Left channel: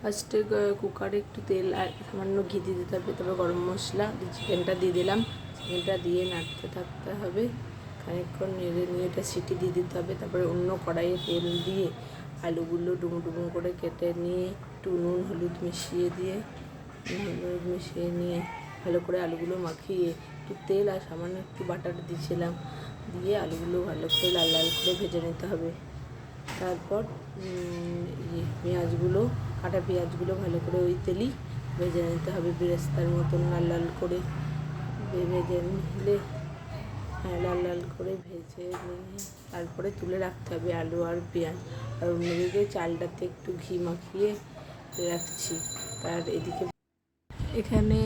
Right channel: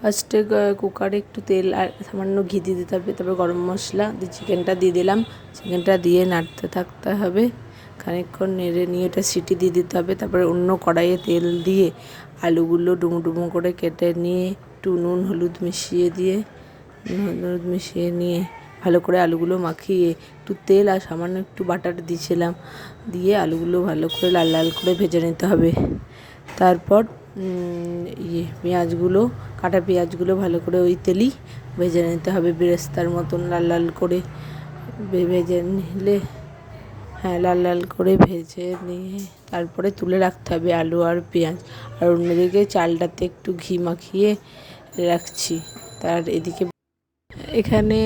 ফার্স্টে কুকারে একটু তেল আর সামান্য ঘি দিয়ে দিতে হবে, তারপরে গরম মশলা দিয়ে চিকেনটা দিয়ে দিলাম। চিকেনটা দিয়ে নাড়তে থাকতে হবে, খানিকক্ষণ নেড়ে নিয়ে এটা সিটি দিয়ে দিতে হবে। তারপরে অন্য কড়াইয়ে তেল দিয়ে আলুগুলো ডুমো ডুমো করে কেটে নিয়ে একটু নুন হলুদ মিশিয়ে নিয়ে ভালো করে আলুগুলো মাখিয়ে একটু তেল আর সামান্য একটু বাটার দিয়েছিলাম, দিয়ে আলুগুলো ভালো করে লাল লাল করে ভেজে নিতে হবে। তারপর পেঁয়াজগুলো কাটা পেঁয়াজগুলো ভালো করে ওই তেলেই ভেজে নিতে হবে, বেরেস্তার মতন লাল লাল করে ভেজে নিলে, লাল লাল করে ভেজে নিয়ে তারপরে তুলে রাখতে হবে আলু আর পেঁয়াজ। আর অন্যদিকে চালটাতে একটু ঘি মাখিয়ে রাখছি। তার এখানে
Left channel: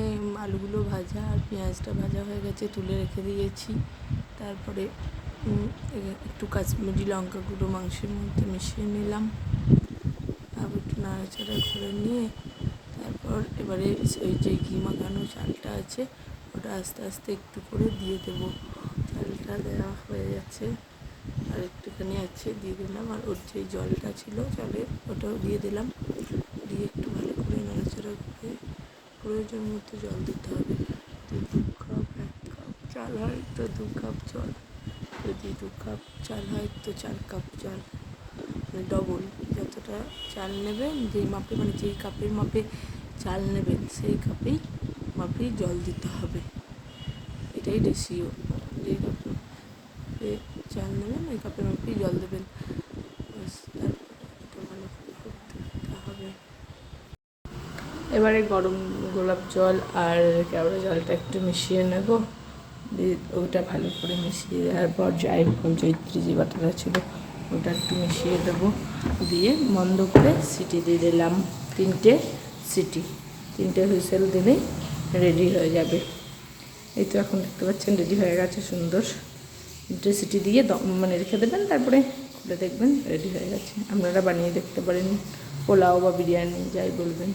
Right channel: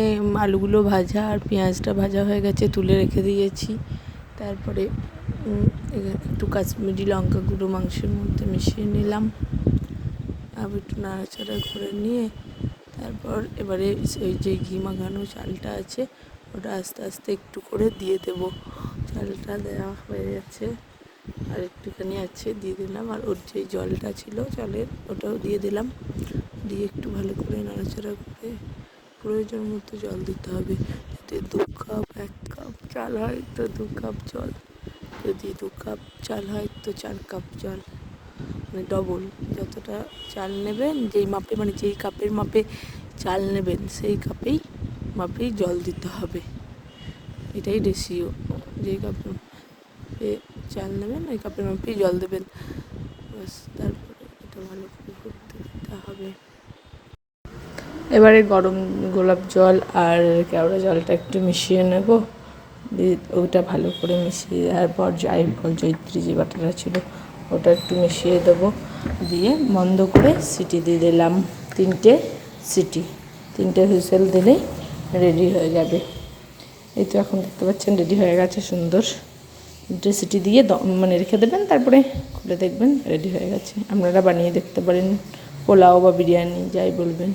আলুগুলো ভাজা আর পেঁয়াজটা ভাজা হয়ে গেছে, তুলে রেখে দিয়েছি। তারপরে একটু কাশ্মীরি লঙ্কা গুঁড়ো মাংসের মধ্যে মিশিয়ে নিলাম, আর একটু নাড়াচাড়া করে নিয়ে তারপর এবারে ওই যে ঘি মাখানো চালটা আছে ওটা আস্তে আস্তে একটু করে দিয়ে দেবো। চালটা দেওয়া হয়ে গেছে, আর একটুখানি আছে দিয়ে দিলাম, আর ওর যে জলটা ছিল চালের ওটাও দিয়ে দিলাম, দিয়ে একটু ভালো করে নাড়াচাড়া করে প্রয়োজন মতো জল দিতে হবে। যদি 2 কাপ 1 কাপ চাল হয় তো 2 কাপ জল, যদি 2 কাপ চাল হয় তো 4 কাপ জল, ডবল যতটা চাল নেবেন যেই মাপে, মানে যেই কাপের মাপে চাল নেবেন সেই মাপেই জল দিতে হবে। এটাই রেশিও, যেই কাপে চাল নেবেন ওই কাপের মাপেই জল দেবেন। বাস, তারপরে এটা ভালো করে করতে দিতে হবে। এবারে গরম গোলাপ জল আর কেওড়া জলটা একটু মিশিয়ে নেব, ওটা ভালো করে মিশিয়ে দেওয়ার পর জায়ফল জয়িত্রী যে বাটাটা ছিল ওটা একটু মিশিয়ে দেবো, দিয়ে বন্ধ করে সিটি দিয়ে দিলাম। 3টে সিটি, 3টে হুইসেল দিলে রেডি হয়ে যাবে। এই তো এখন দেখতে পাচ্ছেন রেডি হয়ে গেছে সুন্দর। 3টে সিটি দিয়ে মানে রেখে দেবেন, তারপরে খুলে দেখবেন রেডি হয়ে গেছে। আপনারা বানিয়ে দেখতে পারেন, পোলাও বা বিরিয়ানি যাই বলবেন।